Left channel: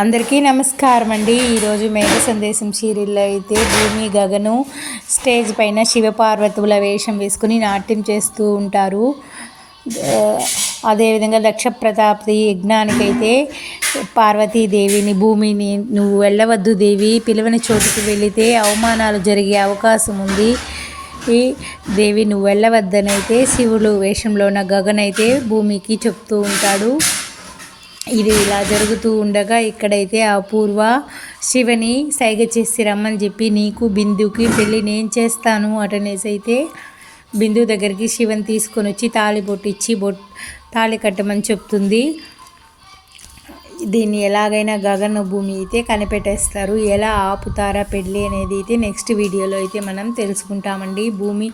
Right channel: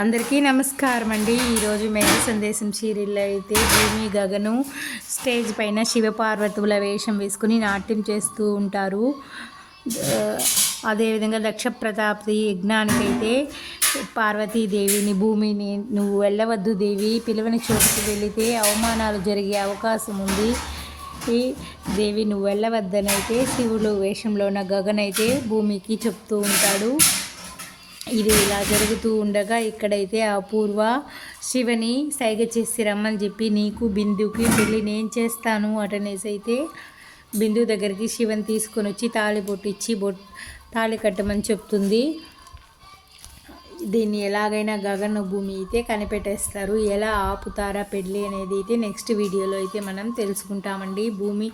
అందరికీ నమస్కారం అండి. ఈరోజు మేఘ సందేశం సీరియల్లో అయితే భూమి గగను స్టేజ్ పైన శివపార్వతుల వేషం వేసుకుని నాట్యం చేస్తూ ఉంటారు. అదేవిధంగా దక్ష ప్రతాపతి యజ్ఞానికైతే పార్వతీదేవిని భూమిని నువ్వు వెళ్ళవద్దు దేవి, పిలవని చోటుకు వెళితే అవమానాలు జరిగే అవకాశం ఉంది, ఈ దేవి నువ్వు వెళ్ళవద్దనైతే శివుడు వేషంలో ఉన్న గగన్ అయితే భూమికి చెప్తూ ఉంటాడు. ఇది ఇలా జరుగుతూ ఉండగా ఇక్కడైతే అపూర్వ శివని సైగ చేసి రమ్మని చెప్పి నీకు బిందుకి పెళ్ళి నేను చేస్తాను అటనేసి అయితే బిందు దగ్గరికి శివని తీసుకొని వచ్చి తాళి బొట్టిచ్చి తాళి కట్టమని చెప్తుంది. దీన్ని ఎలాగైనా గగన భూమి అయితే కనిపెట్టేస్తారు. ఎలా ఆపుతారా పెళ్ళి అనేది అయితే నెక్స్ట్ వీడియోలో అయితే మనం తెలుసుకుంటామండి. భూమి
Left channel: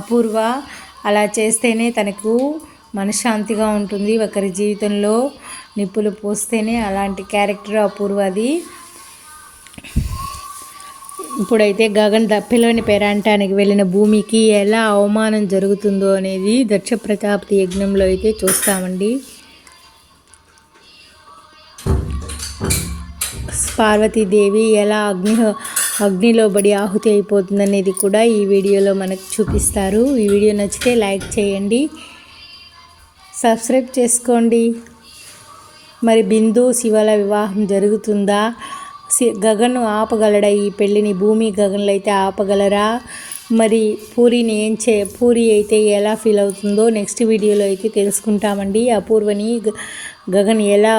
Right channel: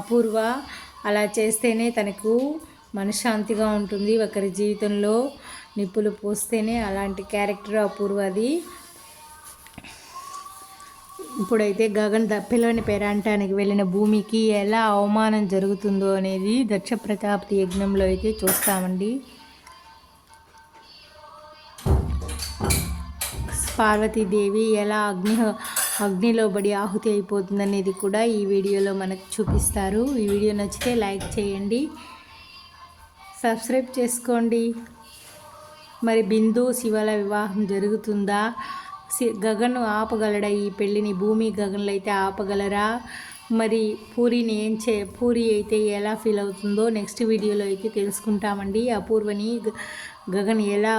అపూర్వ అలా చేస్తేనే తనకు మనశ్శాంతిగా ఉంటుంది. ఒకరి జీవితంలో నిప్పులు పోస్తేనే అలాంటి క్యారెక్టర్ అపూర్వది. ఇప్పుడైతే గగన్ పిల్లని పేరంటానికి వెళ్ళిన భూమికి ఎలా అవమానం జరుగుతుందో అనేది దక్ష ప్రతాపతి యజ్ఞంలో అయితే చూస్తామండి. పార్వతీదేవి ఎలా అగ్నిలో బడి ఆహుతి అయిపోతుంది అనేది కూడా ఈ వీడియోలో మనకు చూపిస్తారు. ఈ వీడియో నచ్చితే లైక్ చేయండి, సబ్స్క్రైబ్ చేసుకోండి. మరి బిందు శివల వివాహం జరుగుతుందా? గగన్ ఆపగలడా ఈ పెళ్ళిని? భూమి గగన్లు అయితే ఆపగలరా? మరి పూరి అయితే ఎలా ఫీల్ అవుతుందో నెక్స్ట్ వీడియోలో అయితే తెలుసుకుంటామండి. అపూర్వని గగన్ ఎలా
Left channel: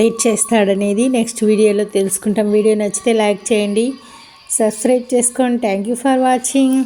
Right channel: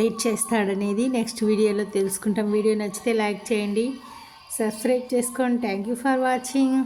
లీడ్ చేస్తాడనేది నెక్స్ట్ వీడియోలో తెలుసుకుంటాం. వీడియో నచ్చితే లైక్ చేయండి, సబ్స్క్రైబ్ చేసుకోండి. Thank you for watching.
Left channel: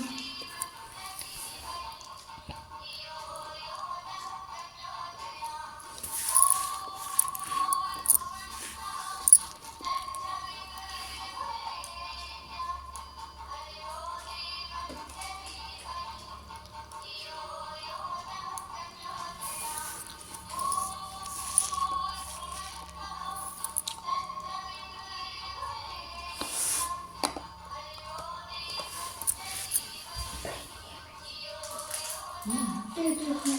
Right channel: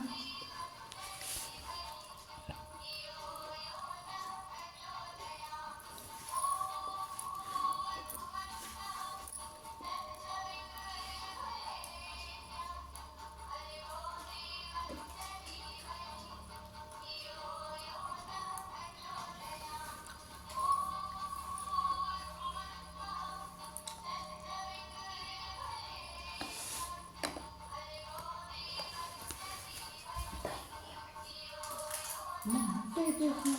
Thank you.